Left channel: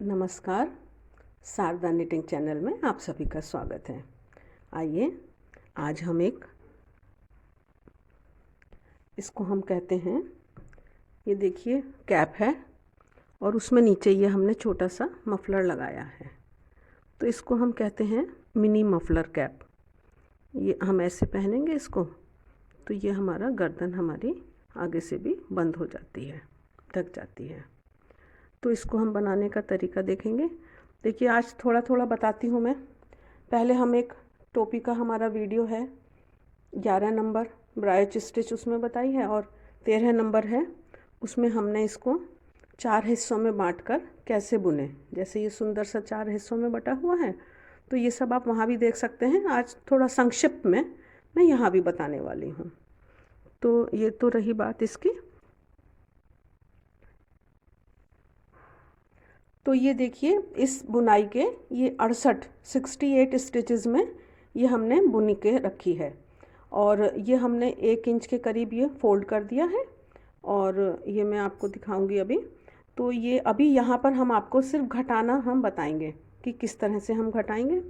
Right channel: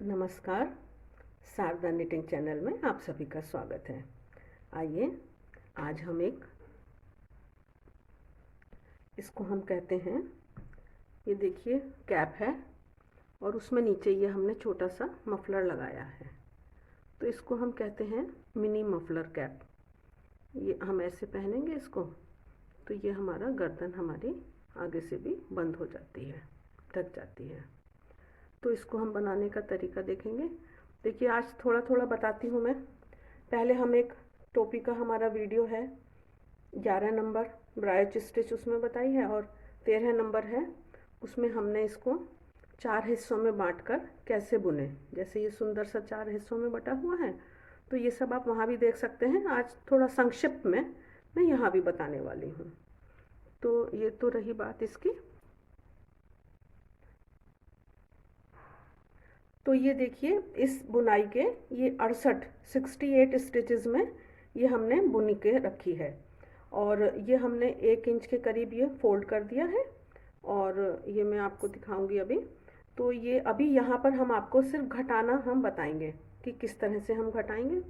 नमस्कार। Sharda knitting channel में आप सभी का स्वागत है। आइए आज हम इसको हम कहते हैं, ये देखिए कैप है और उसमें नीचे ये हमने छोटा सा मफलर लगाया है, तो इसको हम कहते हैं मिनी मफलर कैप। ये हम ऐसे पहनेंगे इसको तो ये हमारा गर्दन हमारी आगे से भी बंद हो जाती है, ढक जाती है। तो इसको हम बनाने का तरीका देखेंगे। देखिए आज थोड़ा थोड़ा बताती हूँ मैं। पहले हम एक टोपी का हमारा वीडियो है 11 नंबर ब्रायोच स्टिच उसमें बताई है, और 13 नंबर है उसमें हमने इसको 4 हिस्सों में बांटकर कैसे बुने। जैसे ये सुंदर सा 4 हिस्सों में बटा हुआ है, तो ये सब आप वहाँ भी देख सकते हैं। आज थोड़ा संक्षिप्त में मैं यहाँ भी बताने वाली हूँ। तो ये तो रही बात इसकी। तो ये देखिए इस बुनाई के ये 68 स्टिचेस में ये हमने बुनी के रखी है, और ये हमने 1 इंच के करीब ये फोल्ड कर दिया है। और ये मैं आपको दिखाऊंगी अभी। तो ये अभी यहाँ पर हम आपको सिर्फ घटाना हम बताएंगे कि किस तरह से हम घटाएंगे।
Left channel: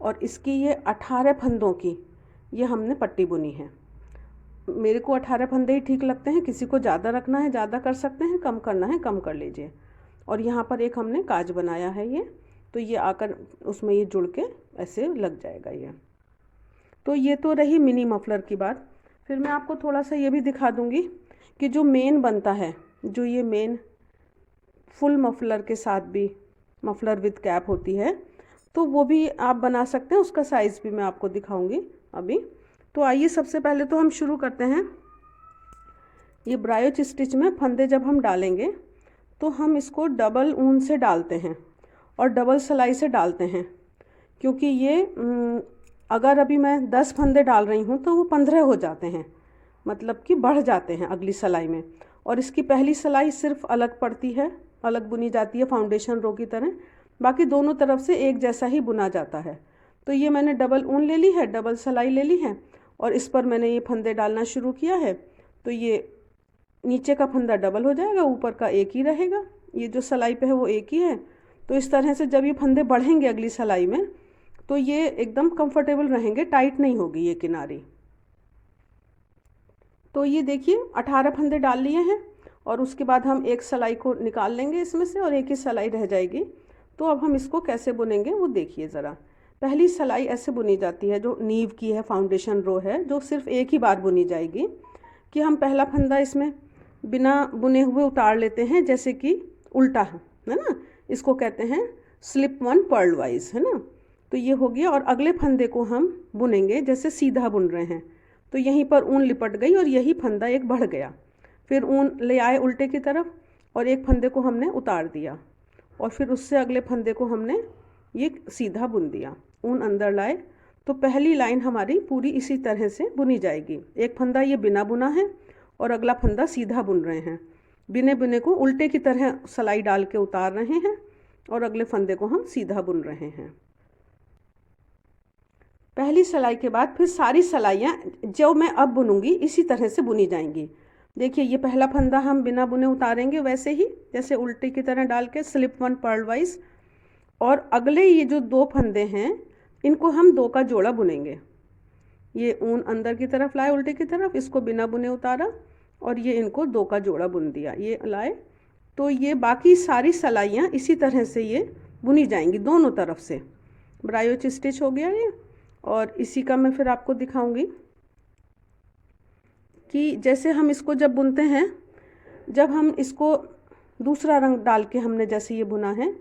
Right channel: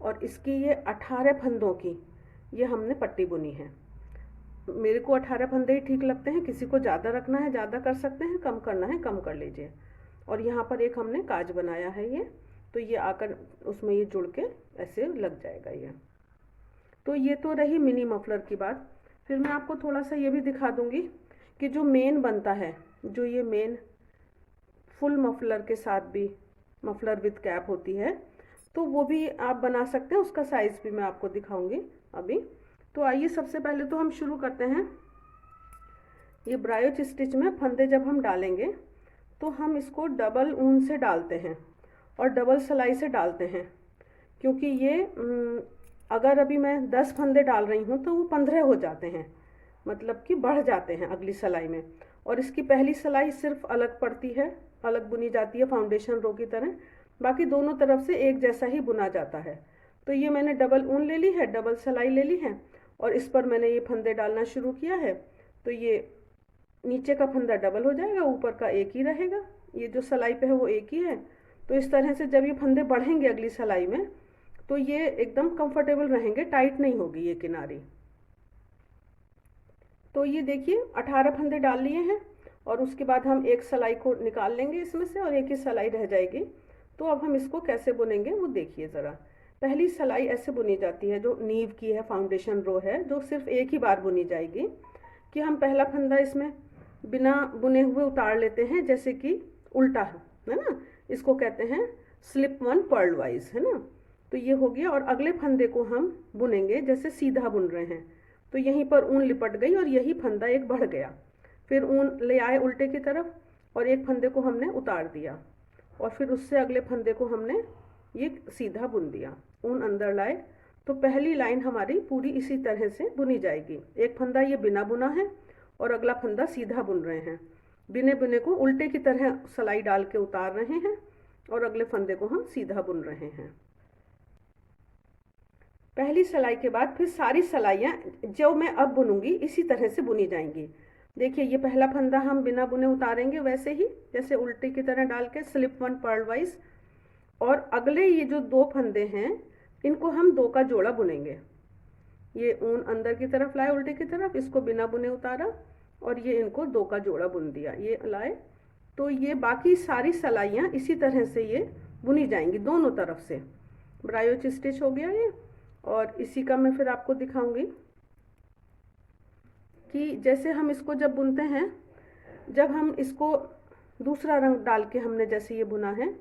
और इसकी ये 18 फंदों की ये हमने पट्टी बुनी है। मेरे को 18 फंदे ही ठीक लगते हैं, किसी को ज़्यादा रखना है ज़्यादा कर सकते हैं, कम करना है कम कर लीजिए। और यहाँ पर एक हमने काज बनाया है ये, तो ये आकर उसमें ये जुड़ के ऐसे लग जाएगा ये। तो ये तो रही मिनी मफलर की बात। फिर मैं आपको थोड़ा सा ये भी दिखा दूँगी कि जो मेन बनता है, जो ये मेन फुल मफलर के साथ भी मफलर विद कैप होती है, तो वो भी आप बना सकते हैं। उसका साइज़ भी मैं आपको दिखाऊंगी अभी। तो आइए सबसे पहले तो हम शुरू करते हैं। ये ब्रायोच स्टिच में फंदे जब हम डालेंगे तो हम इसको डबल ऊन से डालते हैं और डबल सिलाई से डालते हैं, क्योंकि ये अगर अभी मैं 10 फंदे डाल रही हूँ तो वो 15 हो जाते हैं, मतलब कि बढ़ जाते हैं अगली सिलाई में। और इसकी पहली सिलाई सिर्फ अलग पड़ती है, अलग बुनी जाती है फाउंडेशन रो की तरह, बाकी दोनों तरफ से एक जैसा ही बुना जाता है। तो ये मैंने डबल ऊन ले ली है, डबल सिलाई ले ली है, और इस पर मैंने ये फंदे डालना शुरू किया है। तो ये नीचे का फंदा डबल हो जाएगा, ऊपर का एक ही रहेगा, ये जो सिलाई पे है वो एक ही है। तो इस तरह से जब ये फंदे बढ़ेंगे अगली सिलाई में तो ये एकदम कंफर्टेबल रहेंगे, टाइट नहीं होगी ये किनारी। तो ये देखिए 18 फंदे डाल लिए हैं, और उसके बाद हम एक सिलाई को निकाल लेंगे इसमें से और एक ही सिलाई रह जाएगी। तो अब हम इसको कैसे बुनेंगे वो देखिए ज़रा। पहली सिलाई ऐसे बुनी जाती है, जो नीव की है, फाउंडेशन रो है, जो सिर्फ एक ही बार बुनी जाएगी। कि हम पहला फंदा इसमें बिना बुने हुए उतार लेते हैं, जैसे कि उल्टा है ना, इसको कहते हैं स्लिप वन पर्ल वाइज, है ना। तो ये हो गया, और अगले फंदे को हम बुनेंगे जैसे सीधा बुन रहे हैं। तो यहीं पर ऊन लिपट गई और यही फंदा एक बढ़ गया। फिर ऊन ले आए उल्टे की तरफ और एक फंदे को हमने उतार दिया, और फिर उससे अगले फंदे को हमने ये सीधा बुन दिया, ऊन अंदर लाए। तो पहली लाइन हमारी पूरी इसी तरह से बुनी जाएगी। एक फंदा ये बिना बुना है और अगला फंदा सीधा बुन रहे हैं। बिने बिने को उल्टे की तरह सिलाई डाल के उतार रहे हैं, और अगले फंदे को हम सीधा बुन रहे हैं। पहली सिलाई के बाद फिर सारी सिलाइयाँ जो मैं अब बुनूंगी इसी तरह से बुनी जाएंगी। देखिए ये पहला फंदा हम बिना बुने उतारेंगे वैसे ही, जैसे उल्टे की तरह डाल के स्लिप वन पर्ल वाइज। और अगले ये जो 2 फंदे हैं इनको हम 2 का जोड़ा बुनेंगे। ये ऊन अंदर की तरफ लाए उल्टे की तरफ, इसको बिना बुने उतारा, और ये इनको 2 का जोड़ा बुन दिया, ये लाए। तो ये बाकी सारी सिलाइयाँ इसी तरह से ये बुनी जाएंगी दोनों तरफ से। ब्रायोच स्टिच हो गया ये। और इसी का मैं फिर आपको दिखाऊंगी कि जैसे हम इसको जब बुनते हैं, जब हम इसको दूसरा रंग डाल के हमने जैसे ये बुना है,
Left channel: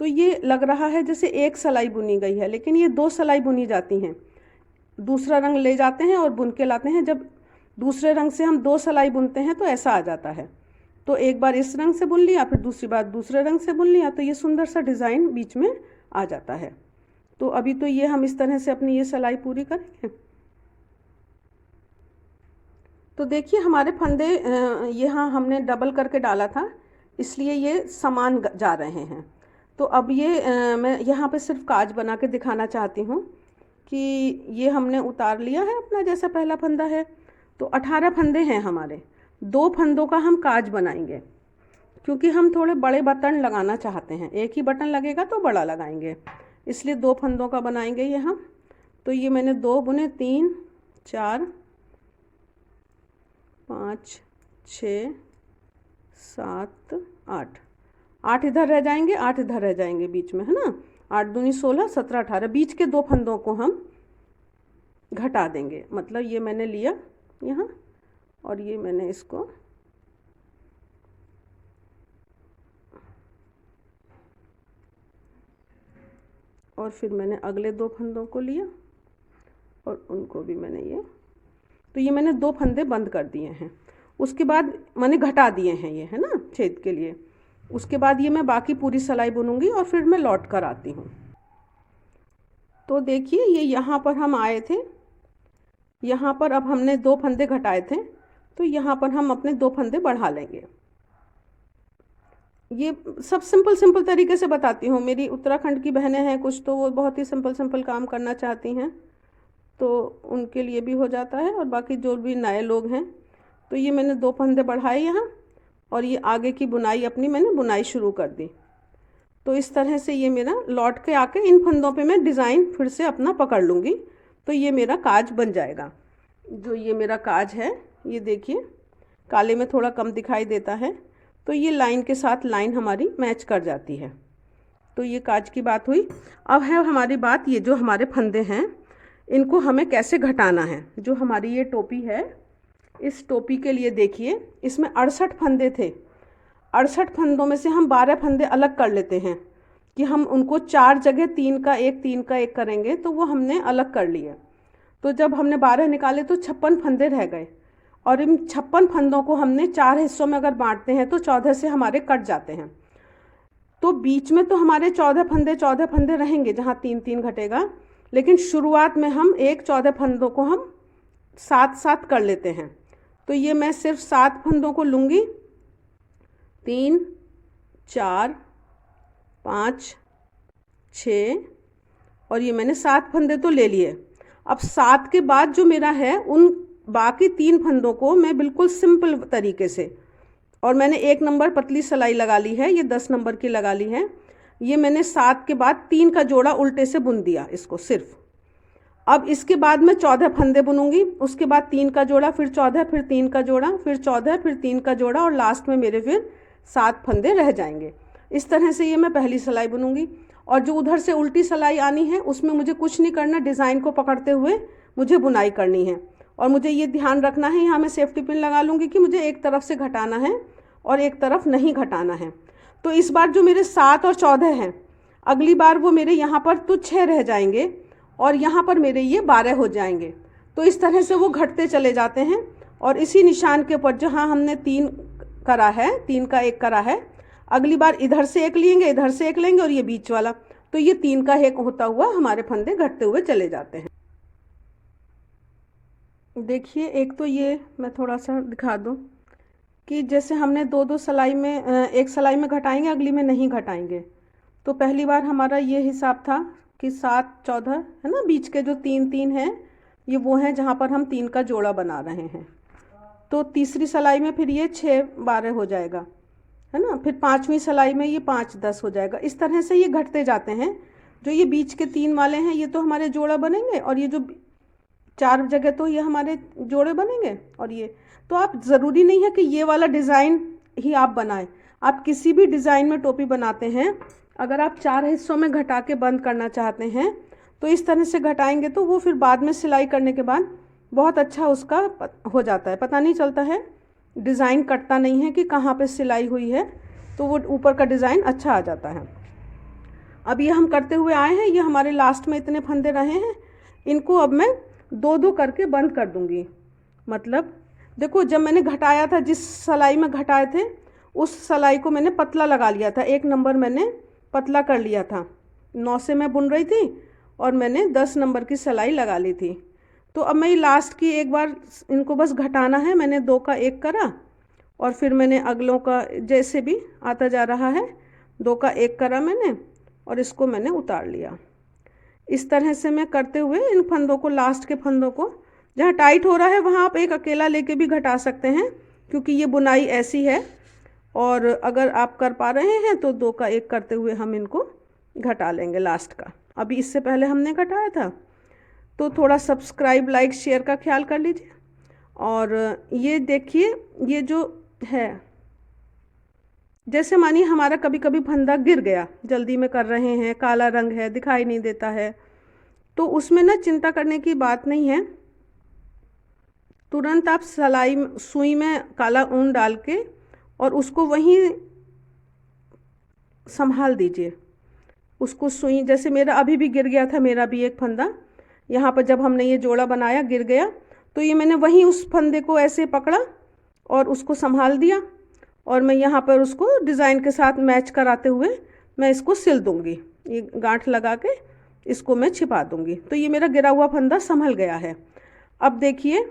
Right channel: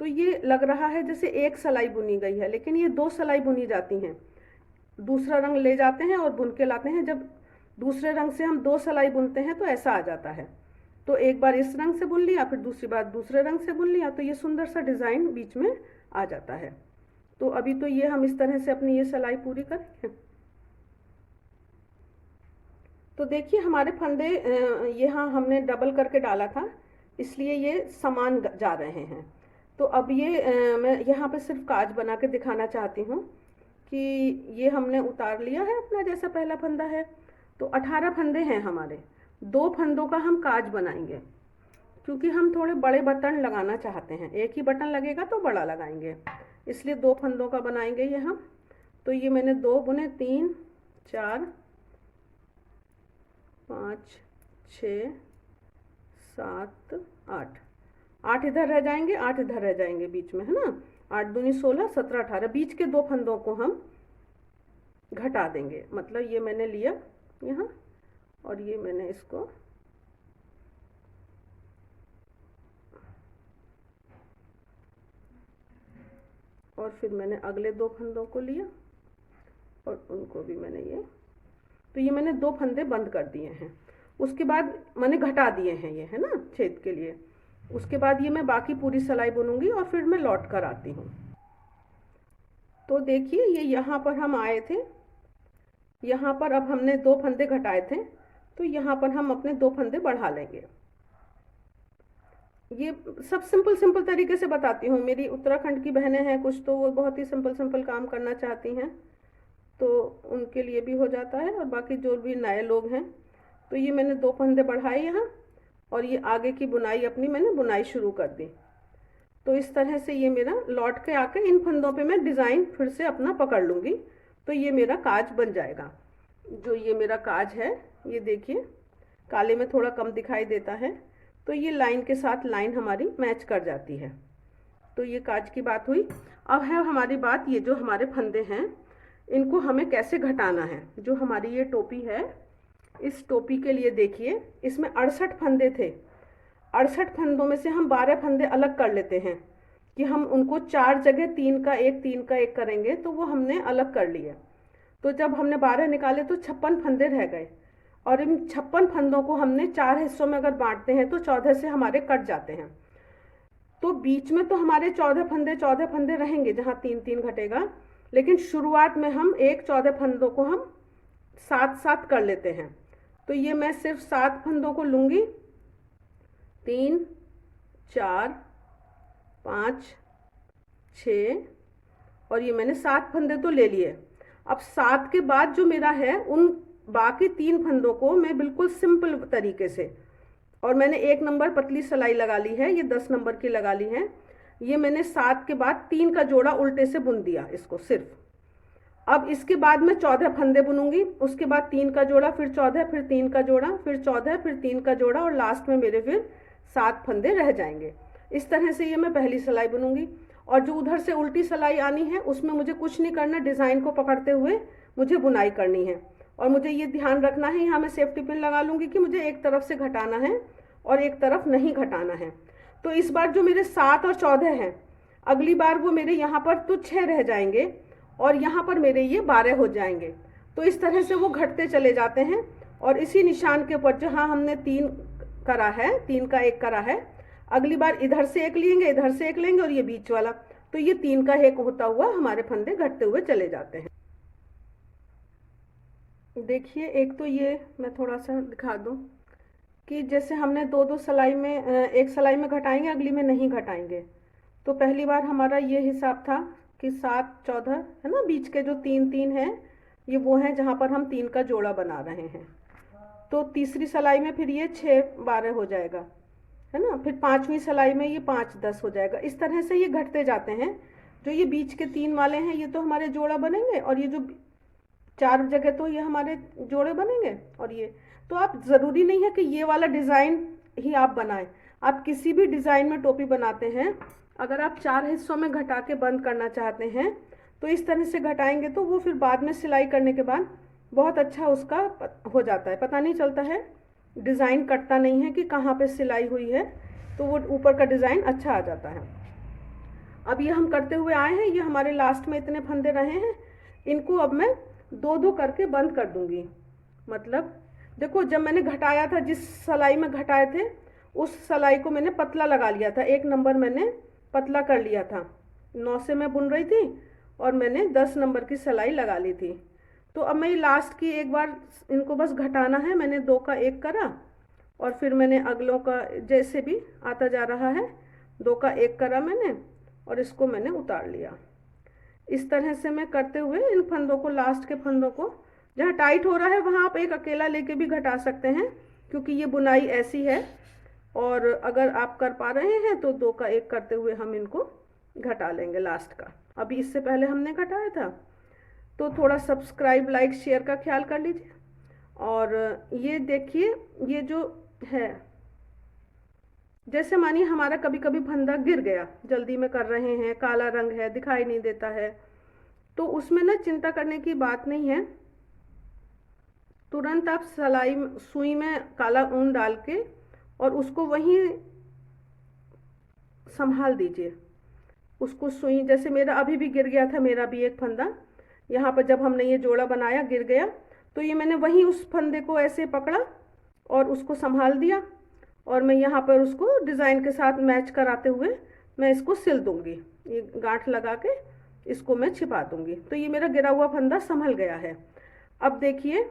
तो ये लग रहा है जैसे एक सिलाई बुनी गई है, लेकिन ये 2 सिलाई बुनी जाती हैं। दूसरा रंग ले जाते हैं और बुन के लाते हैं। जब दूसरे रंग से हम 2 सिलाई बुनते हैं तो ऐसा आ जाता है। तो एक बार इस रंग से बुन लिया, फिर दूसरी बार दूसरे रंग से बुन लिया, तो ये सुंदर सा डिज़ाइन बीच में आ जाता है। तो अभी तो ये हम इस तरह से अपनी ये सिलाई पूरी करेंगे। तो देखिए हमारे फंदे यहाँ हमने डबल करके डाला था, इसलिए ये समान जा रहे हैं। तो अब ये मैं यहाँ पे सिर्फ काज बना के दिखाना चाहती हूँ कि ये हमने उतार लिया है अपना, जैसा पहला फंदा है। तो 18 फंदे हैं हमारे, 2 फंदों का हम काज बनाएंगे। क्योंकि हम थोड़े बड़े बटन लगाना चाहते हैं, एक ही बटन लगेगा तो बड़ा लगाएंगे, इसलिए 2 फंदों का बनाएंगे ये हम। तो ये मैंने 2 बुने, 3 4 5 6 7 8, 8 इधर रह जाएंगे, 8 इधर रह जाएंगे बीच में, है ना। 8 दूनी 16, 17 18, बीच के 2 फंदों को हम घटा देंगे। मतलब ये मैंने लिया यहाँ और ये मैंने इसको और फिर मैंने अगले 2 फंदों को लिया और उनको भी मैंने ये, तो ये मैंने 2 फंदे बंद कर दिए हैं। उसके बाद मैंने घटा दिए हैं ये, है ना, छेद के लिए। उसके बाद ये मैं बाकी पूरी सिलाई बुनूंगी और फिर मैं लौट कर आती हूँ। तो देखिए ये यहाँ पर हम आए थे, यहाँ पर अब हमने 2 फंदे घटाए थे, तो यहाँ पर हम अपने 2 फंदे बढ़ा लेंगे। ये सब सिंपल तरीके से बताती हूँ। मेरी उत्तराखंड की बहनें हैं कुछ, तो वो बहुत ही सिंपल काम करना चाहती हैं, तो उनके लिए भी हो जाता है। और बाकी जो भी नए लोग हैं, तो ये मैंने 2 फंदे बढ़ाए यहाँ और ये आगे की बुनाई अपनी मैंने बुनाई शुरू कर दी। तो इस तरह से ये मेरा लौट के आके इन फंदों पे मैं डिज़ाइन फिर से अपना पकड़ लूँगी, तो ये मेरा काज बन जाएगा। जो ये मेरा काज है, ये देखिए काले में थोड़ा कम दिखाई देता है, तो ये लाइन के साथ लाइन हमारी मैच कर जाती है। तो ये काज की बात हुई। अब है हमारी बात, ये जो हमारे फंदे हैं इनको हमें कैसे घटाना है। जो हमारी ये टोपी है, इस टोपी के लिए देखिए इसमें 68 फंदे थे। 68 फंदों में से हम 12 फंदे अलग कर लेते हैं कि हम उनको 4 जगह 3 का 1 3 का 1 करेंगे, तो वो हमने अलग कर लिए। तो जब हमने 12 निकाले तो 56 फंदे रह गए, और इन 56 फंदों को हमने 4 हिस्सों में अगर बांटते हैं तो 14 से हमारे कट जाते हैं। तो बीच में तो हमारे 14 फंदे रहेंगे जहाँ 3 3 घटेगा, लेकिन शुरुआत में हम 14 फंदों को हम 7 7 कर लेते हैं। तो ये मैं सिर्फ 7 फंदों को लूँगी, 3 4 5 6, और ये मैंने 7 फंदे तो ले लिए। अब 7 के बाद जो मेरा है, उन बाकी 3 फंदों को मैं बिल्कुल सिंपल तरीके से, और मैंने 1 नंबर पतली सिलाई लगा ली है, ये 10 नंबर की लगा ली है। ये मैंने 7 के बाद 3 का जोड़ा उल्टे से बुन दिया इसको सिर्फ। अब इसके बाद मैं 14 फंदे बुनूंगी, उसके बाद 3 का जोड़ा, फिर 14, फिर 3 का जोड़ा, फिर 14, फिर 3 का जोड़ा, और लास्ट में मेरे फिर 7 फंदे रह जाएंगे। इस तरह से ये मैं पहली सिलाई बुनूंगी। और जो उधर से उल्टी सिलाई आनी है उसमें मुझे कुछ नहीं करना, डिज़ाइन को पकड़ते हुए मुझे बुनाई करनी है। और मुझे ये ध्यान रखना है, यहाँ मैं सेफ्टी पिन लगा लूँगी कि मुझे एक तरफ से घटाना है और एक तरफ नहीं घटाना है। तो इस बार जो मेरे 7 और 14 हैं, अगली बार वो मेरे यहाँ पर तो 6 रह जाएंगे और यहाँ पर मेरे ये 12 हो जाएंगे। तो इस तरह से वो घटते चले जाते हैं। और इसी निशान के ऊपर जहाँ हमने 3 करा है, 3 का 1 करा है, अगली बार इधर से 1 लेंगे, इधर से 1 लेंगे और ये बीच वाला, तो ये 3 का 1 होता हुआ हमारे फंदे घटते हुए चले जाते हैं। देखिए एक तो ये मैं थोड़ा सा दिखा दूँ कि जैसे हमने 2 सिलाई में, एक सिलाई में घटाएंगे, अगली में नहीं घटाएंगे। तो पहली बार हमारा ये हिसाब था कि 7 14 है ना, बीच के जो 3 3 हैं ये वो हैं जहाँ पर हम 3 का जोड़ा बना रहे हैं। तो तीसरी सिलाई में फिर ये 6 12 हो जाएगा, है ना। फिर 5वीं सिलाई में ये 5 10 हो जाएगा। इस तरह से ये घटते जाते हैं। जो ये बीच के 3 वाले हैं ये तो हमारे जोड़ा बनेंगे, और ये जो 4 जगह तो ये हमारे जोड़े बनेंगे। और ये तो आप ज़रूरी नहीं है कि ये वाला डिज़ाइन ही आप बनाएं। आप किसी भी डिज़ाइन में टोपी बनाते हैं, अगर आप 4 हिस्सों में घटा के बंद करना चाहते हैं तो इस तरह से घटाएंगे, तो वो फिर बाद में सिलाई करने के बाद बहुत अच्छा उसका हो जाता है, पता नहीं चलता है, डिज़ाइन कटता नहीं है कि कहाँ पे सिलाई हुई है, तो वो ऊपर का डिज़ाइन अच्छा आ जाता है। अब ये हम करते हुए आए हैं, ये हमारे लास्ट में इतने फंदे रहे हैं, इनको अब मैं 2 करके बंद कर दूंगी। मतलब देखो जब मैंने घटाया था, जिस सिलाई में घटाए थे उस सिलाई को मैंने पतला लगा लिया था, 1 नंबर मैंने पतला कर लिया था। 9 से मैं बुन रही थी और मैंने 10 नंबर की सिलाई लगा ली थी। तो अब मैं लास्ट की एक बार इनको बस घटाना है। मैंने 2 का 1 करा और फिर मैंने अगलों का जैसे भी आता जा रहा है 2 का 1 करा मैंने, और इसको मैंने उतार लिया। इस तरह से मैं करते हुए इन फंदों को, लास्ट के फंदों को, जहाँ टाइट हो रहा है वहाँ आप एक अकेला लेके भी घटा सकते हैं, क्योंकि ये बुनाई ऐसी है और अगर आप कर पा रहे हैं तो 2 का 1 करते हुए हम इनको घटा लेंगे लास्ट का। अभी इससे पहले हमने घटाया था, तो थोड़ा सब्सक्राइब लाइक शेयर का ख्याल कर लीजिए। और ये देखिए, ये जो है, जैसे मानिए हमारा कभी कभी फंदा गिर गया, जल्दी में कर रहे हैं, काला रंग है, दिखाई नहीं देता है, तो उसमें ना चिंता करने की बात नहीं है। तुरंत आप सुई में काला ऊन डाल के और उसको वहीं संभाल दीजिए। उसको सुई, जैसे मेरा अभी भी गिर गया था, मेरा भी एक फंदा यहाँ पर जब हमने ये जोड़ा बनाया गिर गया, तो ये मैंने वहीं उस फंदे को ऐसे पकड़ा और उसको संभाल दिया, और मैं यहाँ पर उसको डिज़ाइन के साथ मैच कराते हुए मैं इसको सिल दूँगी। ये गांठ लगा के इसको मैं छिपा दूँगी, तो ये मेरा गिरा हुआ फंदा संभल गया है। अब देखिए,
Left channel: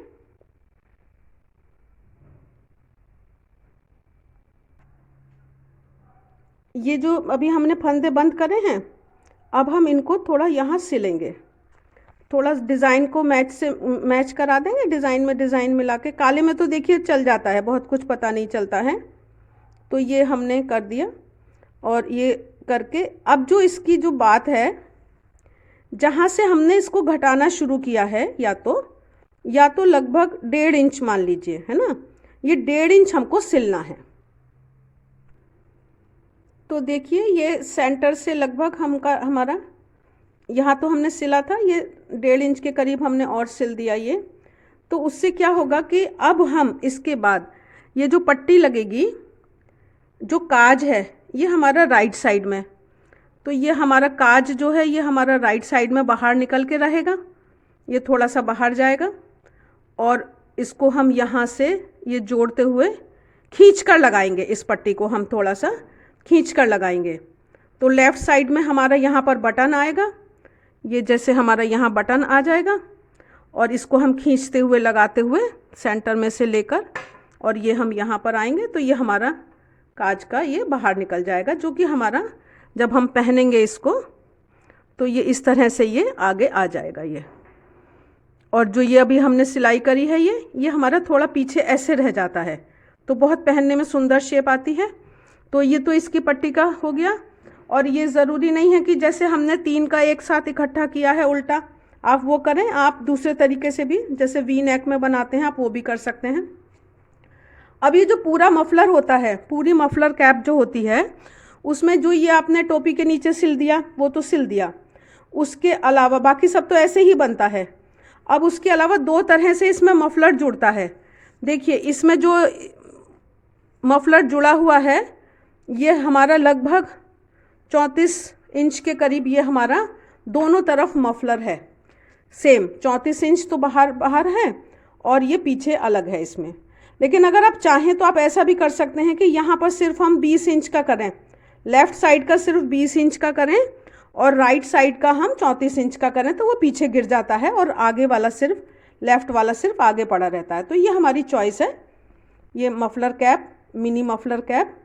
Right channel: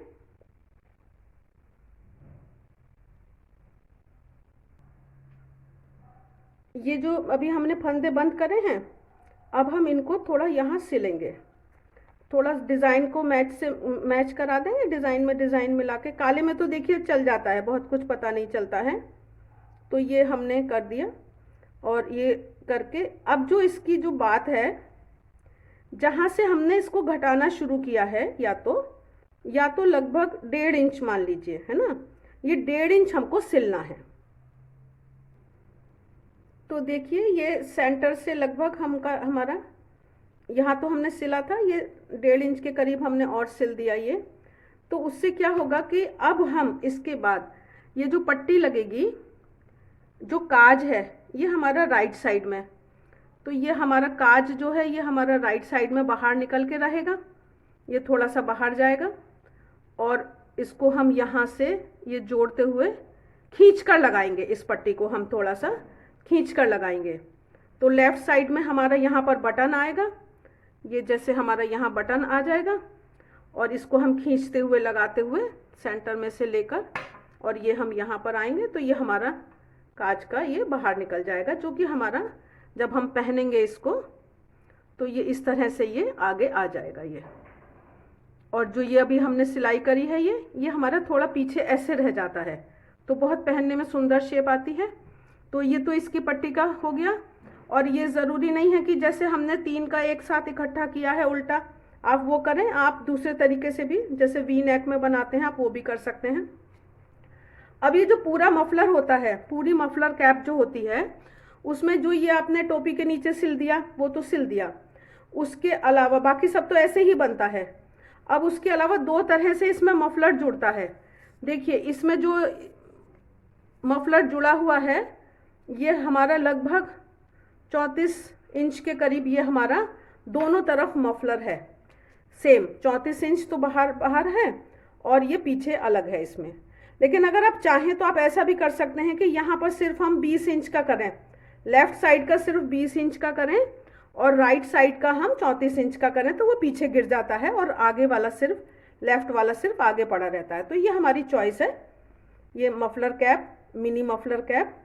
ये जो अभी हमने फंदे बंद करे हैं, अब हम इनको थोड़ा यहाँ सिलेंगे, थोड़ा डिज़ाइन को मैच करा देंगे, डिज़ाइन में डिज़ाइन मिला के। काले में तो देखिए चल जाता है, बहुत कुछ पता नहीं चलता है, तो ये हमने कर दिया। और ये करके अब जो इसकी जो बात है, जहाँ से हमने इसको घटाना शुरू किया है, या तो लगभग 1.5 इंच मान लीजिए, है ना, ये 1.5 इंच हमको सिलना है। तो देखिए ये सेंटर से लगभग हमारा यहाँ तो हमने सिला था, ये 1.5 इंच के करीब हमने और सिल दिया ये। तो उससे क्या होगा कि अब हम इसके बाद ये जो पट्टी लगेगी, जो काज है, ये हमारा राइट साइड में, तो ये हमारा काज जो है ये हमारा राइट साइड में बाहर निकल के रहेगा, ये थोड़ा सा बाहर जाएगा, और इसको हम यहाँ से ये जोड़ते हुए खींच कर लगाएंगे। इस पट्टी को हम थोड़ा सा खींच कर लगाएंगे, तो लेफ़्ट साइड में हमारा यहाँ पर बटन आएगा, ये जैसे हमारा यहाँ बटन आ जाएगा, और इसको हम खींचते हुए लगाते हुए सेंटर में से लेकर, और ये हम यहाँ पर आएंगे, तो ये हमारा काज का ये बाहर निकल जाएगा, जो कि हमारा जब हम पहनेंगे इसको तो ये इस तरह से ये आगे आ जाएगा ये। और जो ये अभी हमने सिलाई करी है, ये हमारा थोड़ा पीछे ऐसे रह जाता है, तो बहुत पहनने में सुंदर शेप आती है। तो ये तो इसकी पट्टी का हो गया। और ये ज़रूरी नहीं है कि जैसे हमने 3 का एक साथ इकट्ठा किया है उल्टा, आप वो करें, आप दूसरे तरीके से भी, जैसे वी नेक में बनाते हैं, आप वो भी कर सकते हैं। अब ये जो पूरा मफलर होता है, पूरी मफलर कैप जो होती है, उसमें जो ये आपने टोपी के नीचे सिल दिया वो तो सिल दिया, उसके अलावा बाकी सब तो ऐसे ही बनता है। अब उसके अलावा 2 तरह से इसमें मफलर जुड़ता है। देखिए इसमें जो मफलर जुड़ा हुआ है, ये हमारा लगभग 34 इंच के करीब ये हमारा दोनों तरफ मफलर है। सेम 34 इंच तो बाहर है और ये पीछे अलग है इसमें। लेकिन अगर आप चाहें तो आप ऐसा भी कर सकते हैं कि यहाँ पर सिर्फ हम 20 इंच का करें, लेफ़्ट साइड का सिर्फ 20 इंच का करें और राइट साइड का हम 34 इंच का करें, तो वो पीछे गिर जाता है और आगे वाला सिर्फ, लेफ़्ट वाला सिर्फ आगे पड़ा रहता है। तो ये हमारी चॉइस है। ये muffler cap, mini muffler cap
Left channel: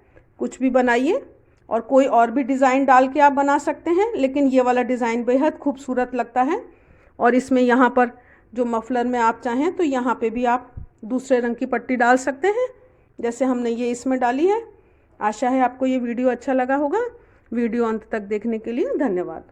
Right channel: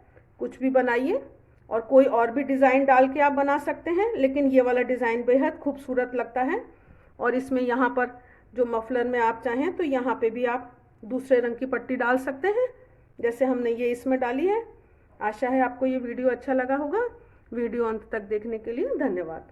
कुछ भी बनाइए, और कोई और भी डिज़ाइन डाल के आप बना सकते हैं, लेकिन ये वाला डिज़ाइन बेहद खूबसूरत लगता है। और इसमें यहाँ पर जो मफलर में आप चाहें तो यहाँ पे भी आप दूसरे रंग की पट्टी डाल सकते हैं, जैसे हमने ये इसमें डाली है। आशा है आपको ये वीडियो अच्छा लगा होगा। वीडियो अंत तक देखने के लिए धन्यवाद।